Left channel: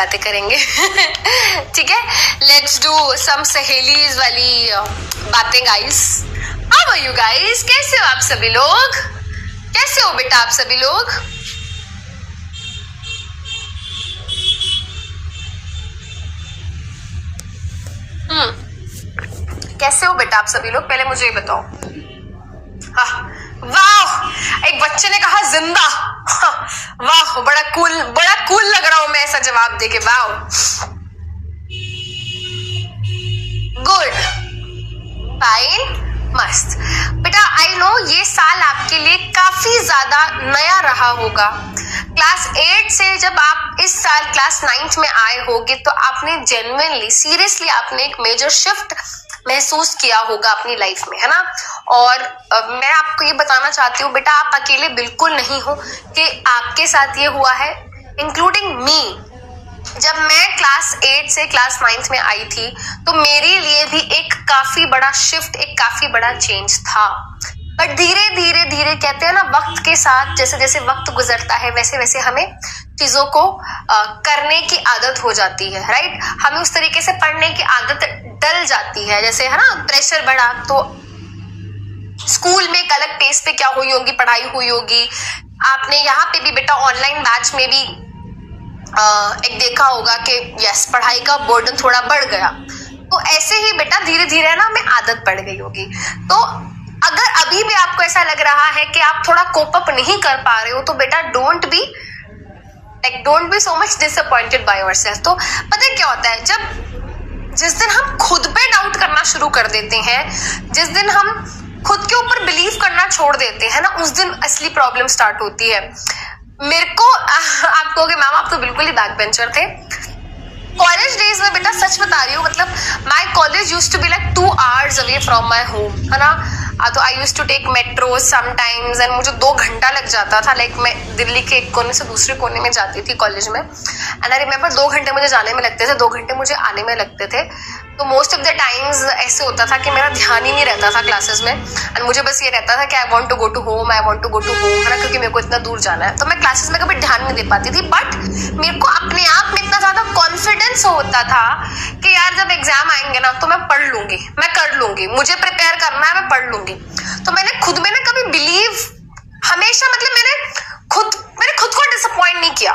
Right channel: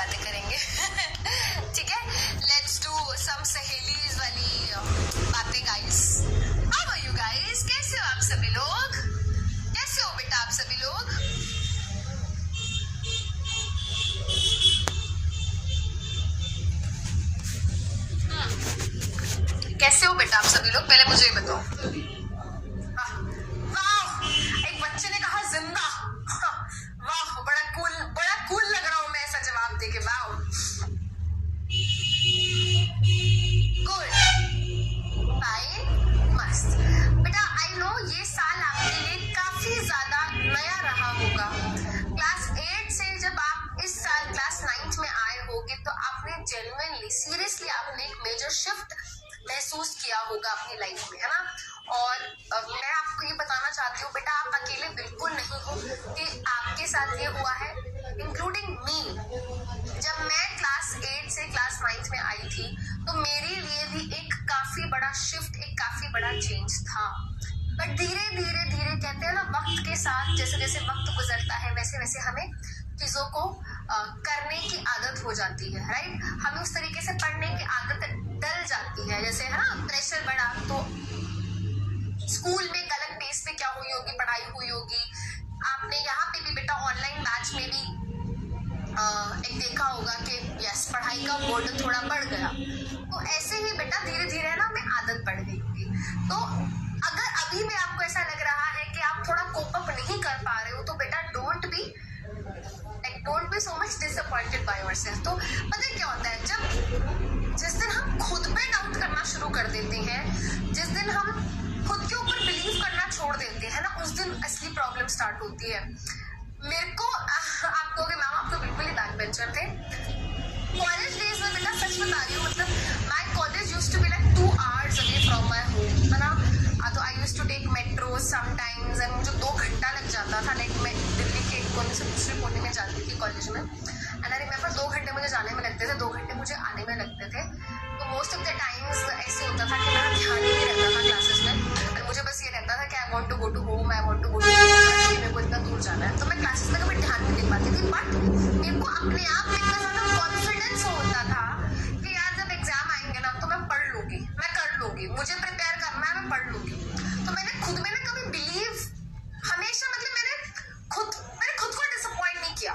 बातें करेंगे। ठीक है, लेट्स डू सम सहेलीज वाली बातें guys. How are you guys? कैसे हो आप सभी लोग? कैसे हो बेटा आप सभी लोग? कैसे हो बेटा आप सभी लोग? पहले मुझे ये बताओ। हाँ, वाह, एक बच्चे ने कहा जिंदा। हाँ, वाह, बड़ा कूल लग रहा हूं मैं ऐसा जवाब देके। वाह, गुड, फाइन, मस्त। बेटा आई नो ये साल आपके लिए काफी ज्यादा नया रहा होगा। क्लास 8 से जब आप इस साल क्लास 9 में आए होगे तो आपने जेन्युइनली सीरियसली आपने एक मेजर शिफ्ट महसूस किया होगा अपनी लाइफ में, है ना। और मैं आपको ये बताना चाहती हूँ बेटा, आप अकेले बिल्कुल नहीं हो कि आपके साथ ये हुआ है, इंक्लूडिंग मी। जब मैं क्लास 8 से क्लास 9 में आई थी तो मेरे लिए भी एक काफी बड़ा शिफ्ट, एक काफी बड़ा चेंज था। बट धीरे धीरे धीरे कहते हैं ना, वक्त के साथ जैसे जैसे वक्त गुजरता है वैसे वैसे हमें चीजों को करने की आदत हो जाती है, राइट। हमें उस तरीके से पढ़ने की आदत डल जाती है, जैसे है ना प्रेशर बढ़ा तो स्कूल में एक अलग पेस पे क्या हुई होगी, पढ़ाई हुई होगी। आपने यहाँ पे भी बेटा ऑनलाइन बैच में भी एक देखा होगा कि यस पढ़ाई का बर्डन थोड़ा बढ़ गया। तो ऐसे ही बेटा धीरे धीरे ना हमें आदत पड़ गई होगी। तो अगर अभी भी आपको ऐसा लग रहा है कि आप थोड़ा कोप अप नहीं कर पा रहे हो तो बेटा don't be so much disappointed by yourself. तो पता है क्या होता है, जिस दिन हम खुद पे डाउट करना शुरू कर देते हैं, जिस दिन हम खुद के ऊपर बिलीव करना छोड़ देते हैं ना, उस दिन असली प्रॉब्लम स्टार्ट होती है। मेरे को आप कहोगे मैम आप तो बिल्कुल ही बैक बेंचर थे। कॉलेज डेज में बेटा सच बता रही हूँ, मतलब my college used to be like 2 hours away from my home, है ना। तो I used to take metro sometimes and मुझे 2 घंटा लग जाता था। लाइक मैं दिल्ली के एक कोने से दूसरे कोने में जाती थी कॉलेज में, एंड आई रिमेम्बर 2 घंटे मुझे जाने में लगते थे, 2 घंटे मुझे आने में लगते थे। तो मोस्ट ऑफ द टाइम्स ऐसे होता था कि मेरा ध्यान ही नहीं रहता था क्लासेस में, एंड मुझे बस ये रहता था कि I want to go to home, है ना, क्योंकि मेरे को इतना दूर जाना है। तो मैं क्लासेस में कभी ध्यान नहीं दे पाती थी। बट मेरे को अपने आप में इतना ज्यादा कॉन्फिडेंस होता था कि यार जब एग्जाम आएंगे ना तो मैं पढ़ लूंगी, मैं कर लूंगी, मुझे प्रिपेयर करना है, मैं पढ़ लूंगी। तो मैंने खुद में ना कभी बिलीव हमेशा, मतलब मैंने खुद को डिसअपॉइंट नहीं किया।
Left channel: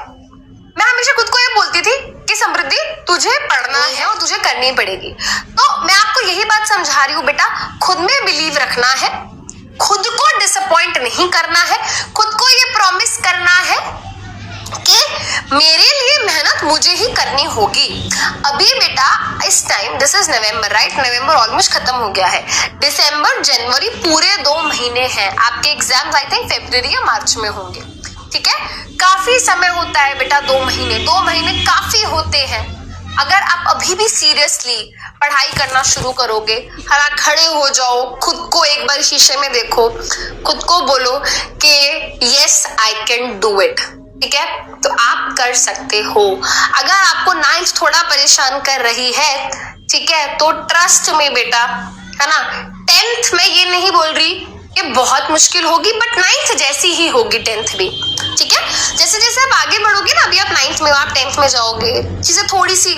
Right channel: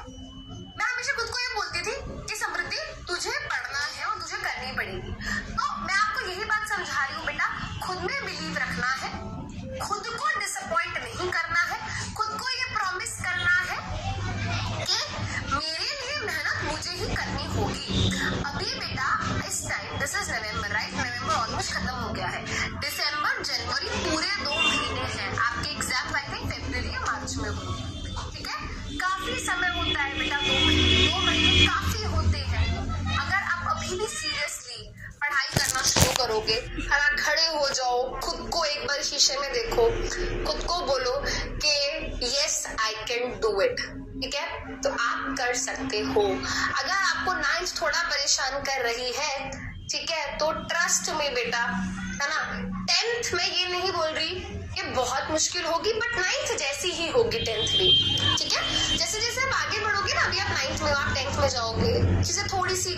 मैं हमेशा खुद को ये बोलती थी कि समृद्धि तुझे पढ़ना है और तुझे करनी पड़ेगी। तो मैं आपको यही बात समझा रही हूँ बेटा, खुद में बिलीव रखना है, खुद को डिसअपॉइंट नहीं करना है, खुद को ये प्रॉमिस करना है कि मेरे लिए मेहनत मुझे ही करनी होगी। अभी बेटा इस time this is November, right, November almost खत्म हो गया है। दिसंबर जनवरी पूरे 2 महीने हैं। आपके एग्जाम्स आई थिंक फरवरी या मार्च में होंगे, ठीक है। काफी समय होता है बेटा, 2 महीने काफी होते हैं। अगर आप अभी भी सीरियसली पढ़ाई करना शुरू करोगे, है ना, खड़े हो जाओ, खुद को एक बार शीशे में देखो, खुद को बोलो कि yes I can do it, ठीक है, तो आप कर सकते हो। अगर आपको 9th थोड़ा परेशान कर रही है, ठीक है, तो ट्रस्ट में बेटा, है ना, 10th में ये नहीं बोल रही कि बहुत मुश्किल होगी, बट 9th जैसी ही होगी 10th भी, ठीक है। जैसे जैसे आप आगे बढ़ोगे ना, अभी आप 9th में हो, आप 10th में जाओगे, चीजें थोड़ी सी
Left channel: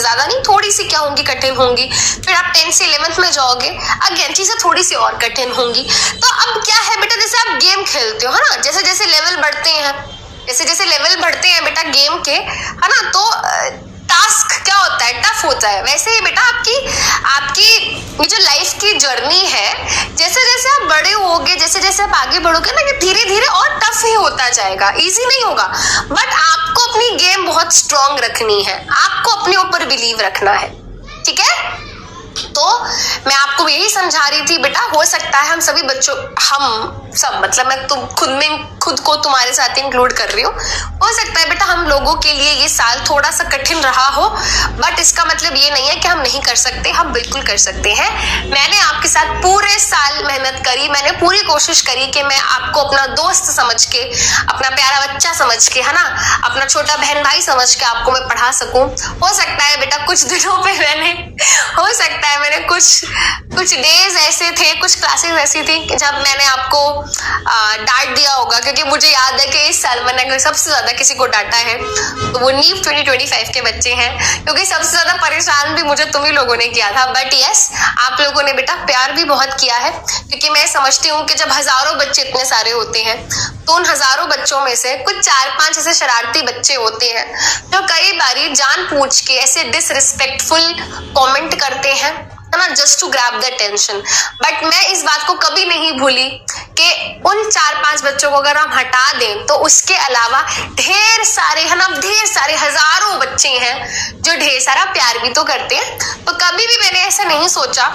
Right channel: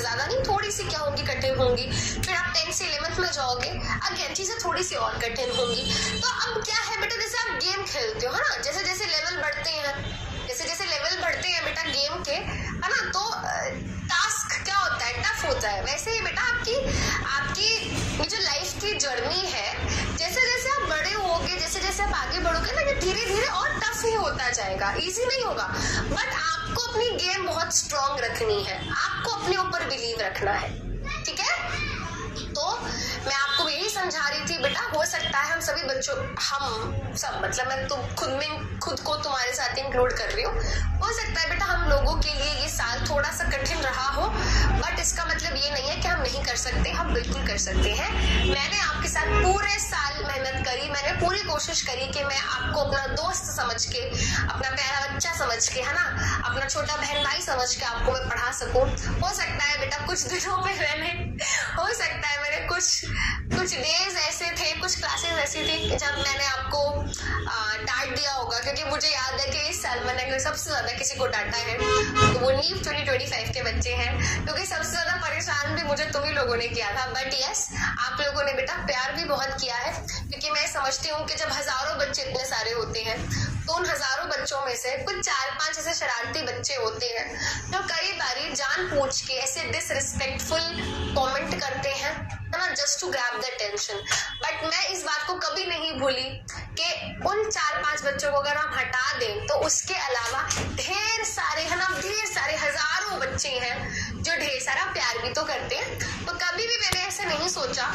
ज्यादा नहीं, थोड़ी सी क्या होंगी, कठिन होंगी। फिर आप 10th से 11th में जाओगे, अगेन चीजें थोड़ी सी और कठिन होंगी। तो अब क्या है बेटा, जैसे आप गेम खेलते हो, है ना, जैसे जैसे लेवल बढ़ते हैं बेटा गेम के, है ना, तो टास्क क्या होता है, टफ होता है। वैसे ही बेटा आपकी ये जो लाइफ की जर्नी है, जैसे जैसे आप बड़े होगे, जैसे जैसे आप आगे बढ़ोगे ना, ये धीरे धीरे और टफ ही होता जाएगा, इजी नहीं होगा। बट आपको अपनी गेम बहुत स्ट्रांग रखनी है, आपको अपने ऊपर बिलीव रखना है, ठीक है। तो मैं आपको यही समझा रही थी बेटा, हो सकता है हम सभी बच्चों, हम सब, मतलब मैं खुद को तुम्हारे साथ इंक्लूड कर रही हूँ, हो सकता है बेटा हम लोगों के लिए ये साल थोड़ा सा कठिन रहा हो, बट इसका मतलब ये नहीं है कि हम नहीं कर सकते, हम बिल्कुल कर सकते हैं। मैंने आपके साथ पूरे साल मेहनत करी, मैंने पूरी कोशिश करी कि मैं आपको अपना दोस्त समझ के, अपना प्यारा बच्चा समझ के, है ना, अपना छोटा बहन भाई समझ के आपको मैं पढ़ा सकूं। हो सकता है बेटा कुछ दिनों पे मैंने कुछ कुछ डेज ऐसे थे, कुछ क्लासेस ऐसी थी कि जब मैंने आपको डांट दिया होगा, क्योंकि मुझे याद है कि इस साल मैंने अगर सबसे ज्यादा किसी को डांटा है तो वो नीव 2025 के बच्चे हैं, क्योंकि सबसे ज्यादा परेशान भी मुझे तुम ही लोगों ने किया था। बट यस, आप लोगों ने बेटा प्यार भी बहुत किया है, क्योंकि मैं समझती हूँ कि जब हजारों बच्चे इतने सारे होते हैं तो उन हजारों बच्चों में से कुछ 4-5 ऐसे शरारती बच्चे होते हैं जो कई बारी जानबूझ के ऐसे डिसरिस्पेक्टफुल कमेंट करते हैं, है ना, just to grab the attention. But मैं इस बात को कभी नहीं भूली कि उन 4-5 बच्चों को अगर हम हटा दें तो उसके अलावा ढेर सारे, है ना, ढेर सारे हजारों बच्चे हैं जो ढेर सारा प्यार भी तो करते हैं। तो कभी भी मैंने ऐसा नहीं सोचा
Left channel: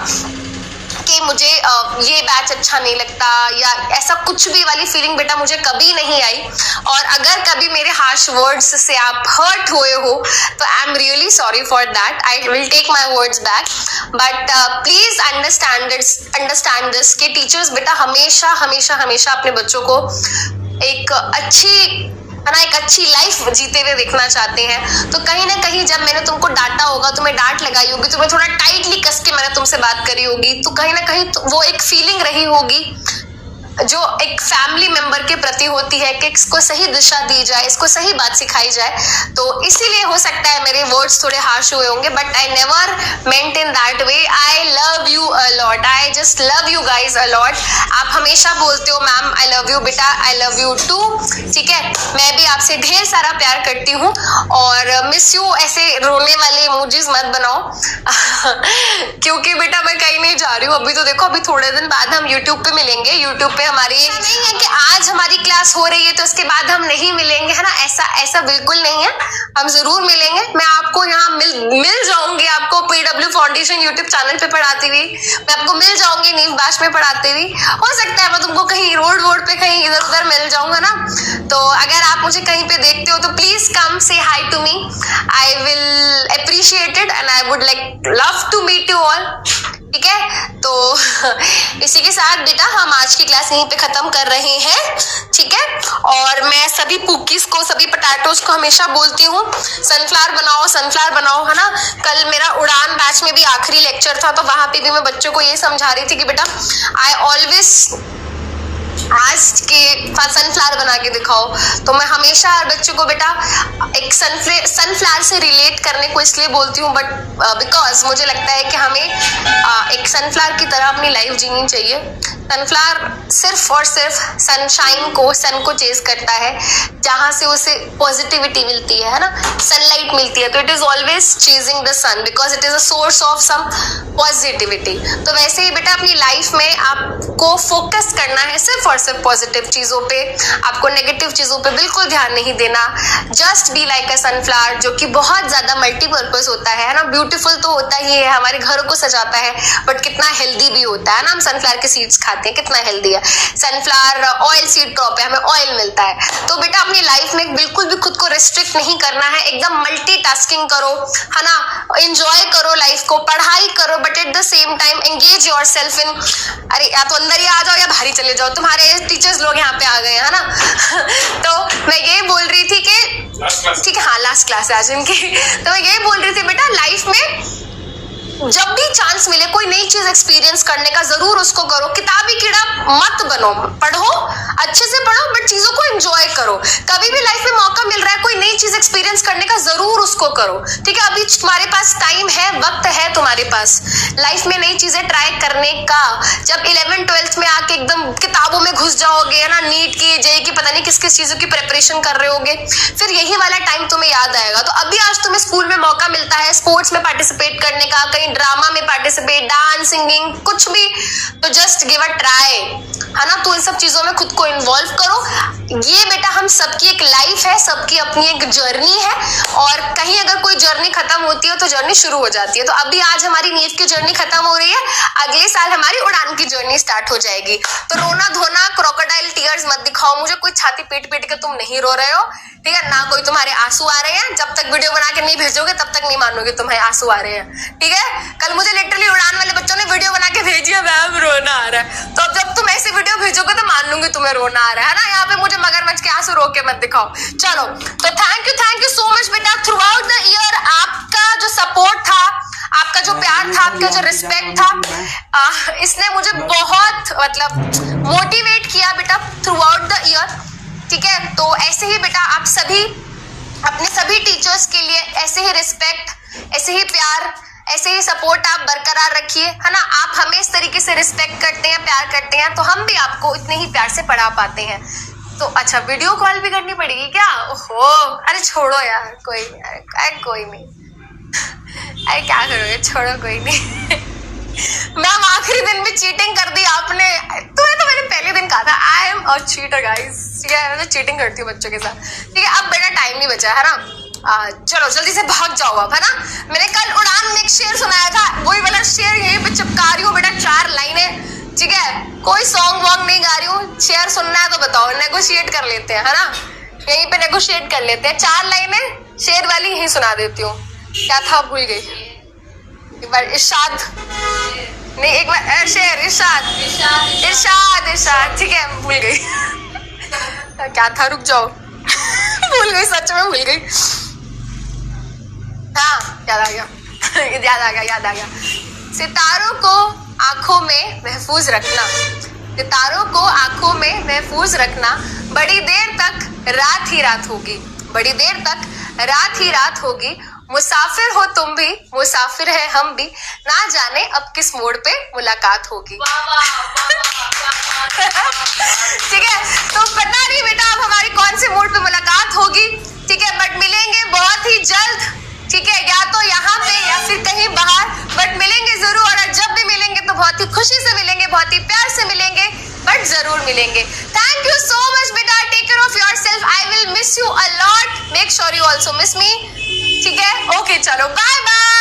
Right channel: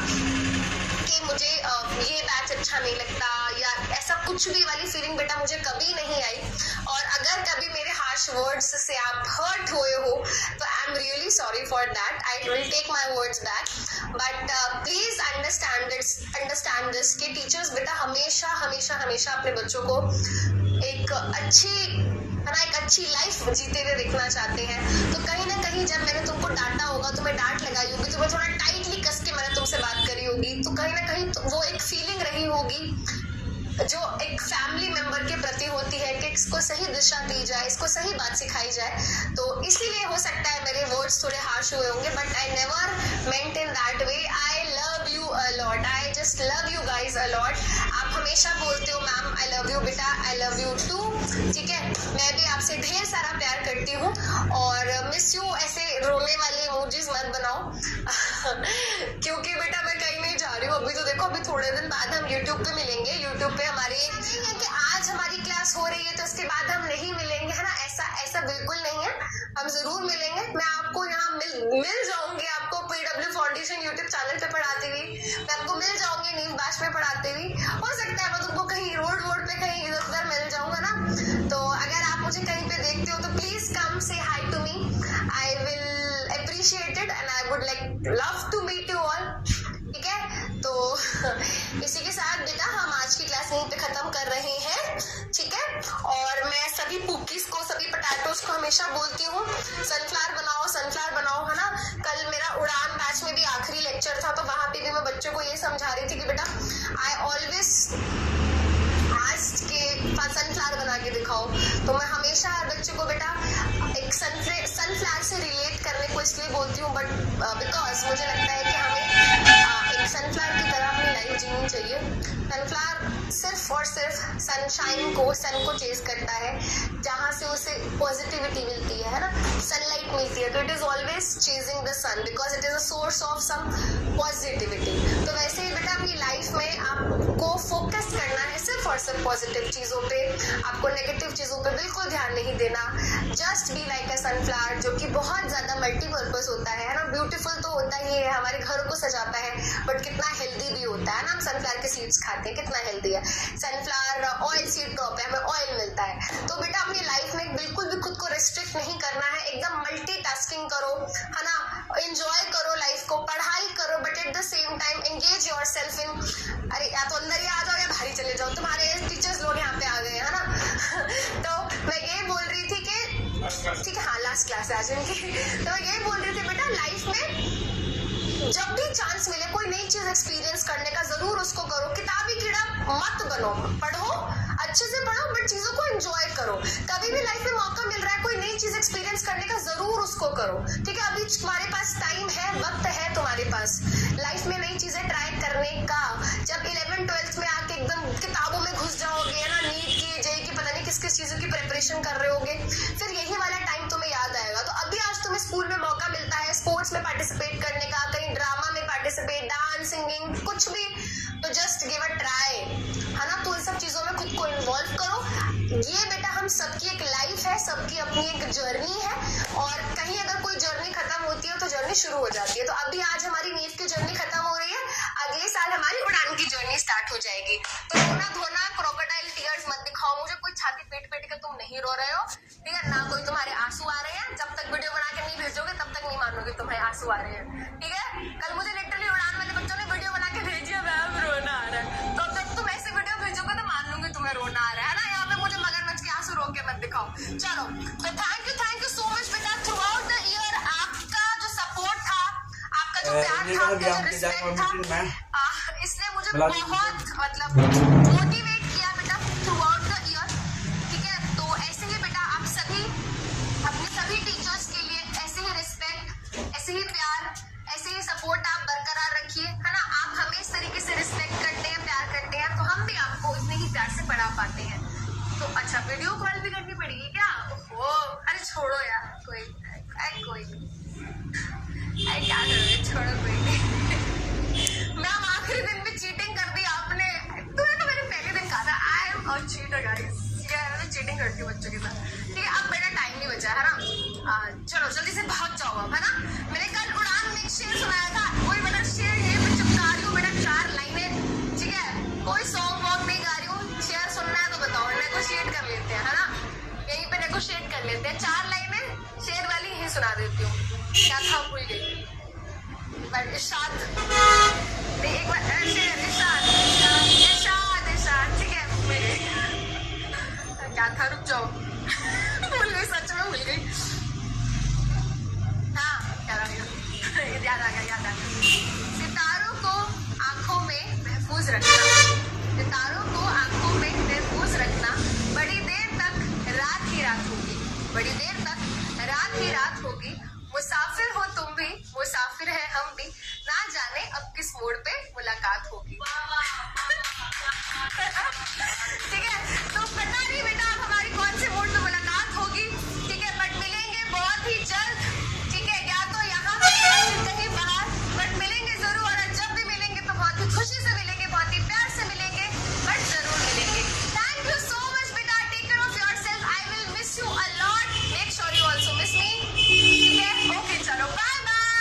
कि मुझे ये बैच अच्छा नहीं लगता या ऐसा कुछ भी वाली फीलिंग बेटा मुझे कभी नहीं आई। और अगर कभी मेरे हार्श वर्ड्स से आप हर्ट हुए हो तो I am really sorry for that, I will take my words back. But please understand this कि टीचर्स बेटा हमेशा हमेशा हमेशा अपने बच्चों को एक अच्छी लाइफ जीते हुए देखना चाहते हैं। तो कहीं ना कहीं जब मैंने तुमको डांटा होगा, तुम्हें डांट लगाई होगी, तुम्हें थोड़ा टाइटली कस के मैंने तुमसे बात करी होगी, तो कहीं ना कहीं तो वो एक फीलिंग रही होगी जो एक फैमिली मेंबर के प्रति होती है कि इसको सही दिशा दी जाए, इसको सही बात सिखाई जाए। तो इसीलिए हो सकता है मेरे वर्ड्स थोड़े हार्श हुए होंगे, but I never meant in that way. I love you a lot, I just love you guys a lot. आप हमेशा बोलते हो मैम आई लव यू बेटा, आई लव यू टू, ठीक है। मैं भी आपसे ढेर सारा प्यार करती हूँ और मिस यू ऐसे रोने वाले इमोजीज मत बनाओ क्योंकि बेटा मैं कहीं नहीं जा रही हूँ अभी। तो देखो अभी थोड़े दिन बाद हम यूट्यूब पे मिलेंगे। यूट्यूब पे हमारी नहीं है कि आज हमारी क्लास हो रही है तो उसके बाद हम नहीं मिलेंगे, है ना, ऐसा बिल्कुल नहीं है, हम जरूर मिलेंगे। मैं आपको यहाँ मिल जाऊंगी, आपको पीडब्ल्यू फाउंडेशन यूट्यूब चैनल पे पढ़ाती हुई, मैं आपको मिल जाऊंगी नीव बैच में पढ़ाती हुई। हो सकता है मैं तुमको कहीं रोड पे कहीं इधर उधर मिल जाऊंगा ना। तो अगर आप मुझे कहीं पे देखते हो तो please come say hi to me, I will appreciate it and I would like love to meet you all, ठीक है। तो इसी के साथ बेटा हम आज की क्लास यहीं पे खत्म कर रहे हैं, ठीक है। और मैं सभी पुकीज को, सभी पटाटोज को हमेशा बोलती हूँ सनफ्लावर बनाओ, है ना। कल मेरा उड़ान बैच में भी आखिरी लेक्चर था तो वहां पे भी मैं बच्चों को ये समझा रही थी कि बेटा आई ऑलवेज आज के सनफ्लावर बना के दिखाओ। तो मैं हमेशा हर बच्चों को बेटा एक सनफ्लावर से रिलेट करने को इसलिए बोलती हूँ, बट बिकॉज मुझे लगता है कि हमें एक सनफ्लावर की तरह अपनी लाइफ जीनी चाहिए। सनफ्लावर सिर्फ और सिर्फ सन को चेज करता है, जहां से उसे पॉजिटिविटी मिलती है ना, सनलाइट मिलती है। तो it is always chasing the sun because it is a source of some positivity. तो वैसे ही बेटा अपनी लाइफ में आपको फोकस करना है सिर्फ और सिर्फ पॉजिटिव चीजों पे, आपको नेगेटिव चीजों पे बिल्कुल ध्यान नहीं देना। Just be like a sunflower, जो कि बहुत ज्यादा मल्टीपर्पज होता है ना। ब्यूटीफुल तो होता ही है, हमारे घरों को सजाता है, बट कितना हेल्दी भी होता है ना। हम सनफ्लावर के सीड्स खाते हैं, कितना हेल्दी है। सनफ्लावर ऑयल सीड क्रॉप है, हमें ऑयल मिलता है। तो बेटा अपनी लाइफ में बिल्कुल भी खुद को रिस्ट्रिक्ट नहीं करना है, एकदम मल्टीटास्किंग करो, है ना, एंजॉय करो लाइफ को, पढ़ाई करो, but at the same time engage yourself in, अरे या तो अंदर ही आ जाओ या बाहर ही चले जाओ, तुम्हारे टीचर्स लोग यहाँ पे आ गए हैं ना तो मैं ये बोल रही थी कि ठीक है, हाँ लास्ट क्लास है आज इनकी तो मैं यही बोल रही थी बेटा लाइफ में जब भी चांस मिले कोई नई चीज एक्सपीरियंस करने का जरूर उसको करो। किताबी कीड़ा मत बनो, पढ़ो, अच्छे से पढ़ो, बट चीजों को एंजॉय करो। कभी भी लाइफ में मौका मिल रहा है कोई नई चीज एक्सपीरियंस करने का, जरूर उसको करो, ठीक है। अभी तुम्हारे पास टाइम है, वक्त है तुम्हारे पास लाइफ में नई चीजें ट्राई करने का। जब 11th-12th में आके एकदम किताबों में घुस जाओगे, है ना, नीट की, जेई की, पता नहीं किस किस चीजों की प्रिपरेशन कर रहे होगे, फिर यही वाला टाइम तुम्हें याद आएगा। तो अभी आज तुम्हें स्कूल में मौका मिलता है स्पोर्ट्स में पार्टिसिपेट करने का, कहीं ड्रामा में पार्टिसिपेट, डांस, सिंगिंग, कुछ भी, तो जस्ट गिव अ ट्राई, है ना। तो इन सब चीजों में खुद को इन्वॉल्व करो। ये बेटा हम सबकी एक लाइफ है, सबकी अपनी एक जर्नी है, और कहीं अगर कोई जर्नी खत्म होती है तो जर्नी शुरू हो जाती है। तो अभी आज हमारी नीव की जर्नी खत्म हो रही है, अगले साल हमारी उड़ान की जर्नी स्टार्ट हो जाएगी। तो रोना धोना, क्रोकोडाइल टीयर्स मत दिखाओ मुझे, कोई छाती पीट पीट के तुम नहीं रो रहे हो, ठीक है ना, कोई तुम्हारे आंसू आ रहे हैं। जब तक वीडियो बना के नहीं भेजोगे तब तक नहीं मानोगे तुम्हारे आंसू आ रहे हैं, ठीक है। कल मुझे लिटरली उड़ान वाले बच्चों ने वीडियो बना के भेजी है, मैम रोना आ रहा है, तो अब जब तुम ऐसे वीडियो भेजोगे तो मान लूंगी तुम्हें रोना आ रहा है ना। यहाँ पे मुझे मगरमच्छ के आंसू रो के मत दिखाओ। चलो, तो थैंक यू सो मच बेटा। थ्रू आउट द ईयर आपका जो सपोर्ट था, आपका जो प्यार था, आपका जो रिस्पेक्ट था इसने मुझे बहुत मतलब मोटिवेट किया बेटा थ्रू आउट द ईयर, ठीक है। तो ऐसे ही बेटा आप सभी अपने सभी टीचर्स के लिए ऐसे ही रिस्पेक्ट, ऐसे ही प्यार, ऐसे ही सपोर्ट आप बरकरार रखिए, है ना। आप हमें इस तरीके से रिस्पेक्ट करते हैं, प्यार करते हैं, तो हम भी आपको इतने ही प्यार से पढ़ा पाते हैं। तो अच्छा वीडियो कॉल भी करनी पड़ेगी क्या? ओहो, अरे छोड़ो यार, कोई नहीं, अरे क्या करोगे, छोड़ो, कोई नहीं। मैम आखिरी दिन में चीटिंग कर दी आपने, तुम्हें तो मैंने पहले दिन कहा था I am a cheater guys, ठीक है। मैं चीटिंग करती हूँ बच्चों के साथ, ठीक है। अब बेटा टाइम नहीं बचा है ना, चलो जल्दी से भाग जाओ अब, है ना। मैंने कल उड़ान में एक शेर सुनाया था, वही वाला शेर यहीं पे चिपका रही हूँ बेटा, 4 लाइनें, ठीक है। कोई सॉन्ग वॉन्ग नहीं गा रही हूँ, शेर सुनना है तो बताओ, नेगोशिएट कर लेते हैं, है ना, यहीं पे नेगोशिएट कर लेते हैं। 4 लाइनें शेर वाली यहीं सुना देती हूँ। क्या था भूल गई, एक बार इरशाद नहीं, एक बार शेर इरशाद, ठीक है, भूल गई। क्या था, रुक जाओ। भूल गई, सच में भूल गई। हाँ याद आ गया। सितारों को आंखों में महफूज रखना, सितारों को आंखों में महफूज रखना, बड़ी देर तक रात ही रात होगी, बड़ी देर तक रात ही रात होगी। मुसाफिर हो तुम भी, मुसाफिर है हम भी, ना जाने अब किस मोड़ पे मुलाकात होगी। ठीक है, तो पता नहीं बेटा अब हमारी कौन से मोड़ पे मुलाकात होगी, ठीक है, बट मिलेंगे बहुत ही जल्द, ठीक है, या तो यहाँ पे या फिर कहीं बाहर, बट मिलेंगे जरूर। और जब भी मिलेंगे तो बहुत ही खुशी से मिलेंगे, बहुत ही प्यार से मिलेंगे, बट जरूर मिलेंगे। थैंक यू सो मच बेटा, take care of yourself, I will miss you a lot, make sure you also miss me, ठीक है। ओके चलो, बाय बाय।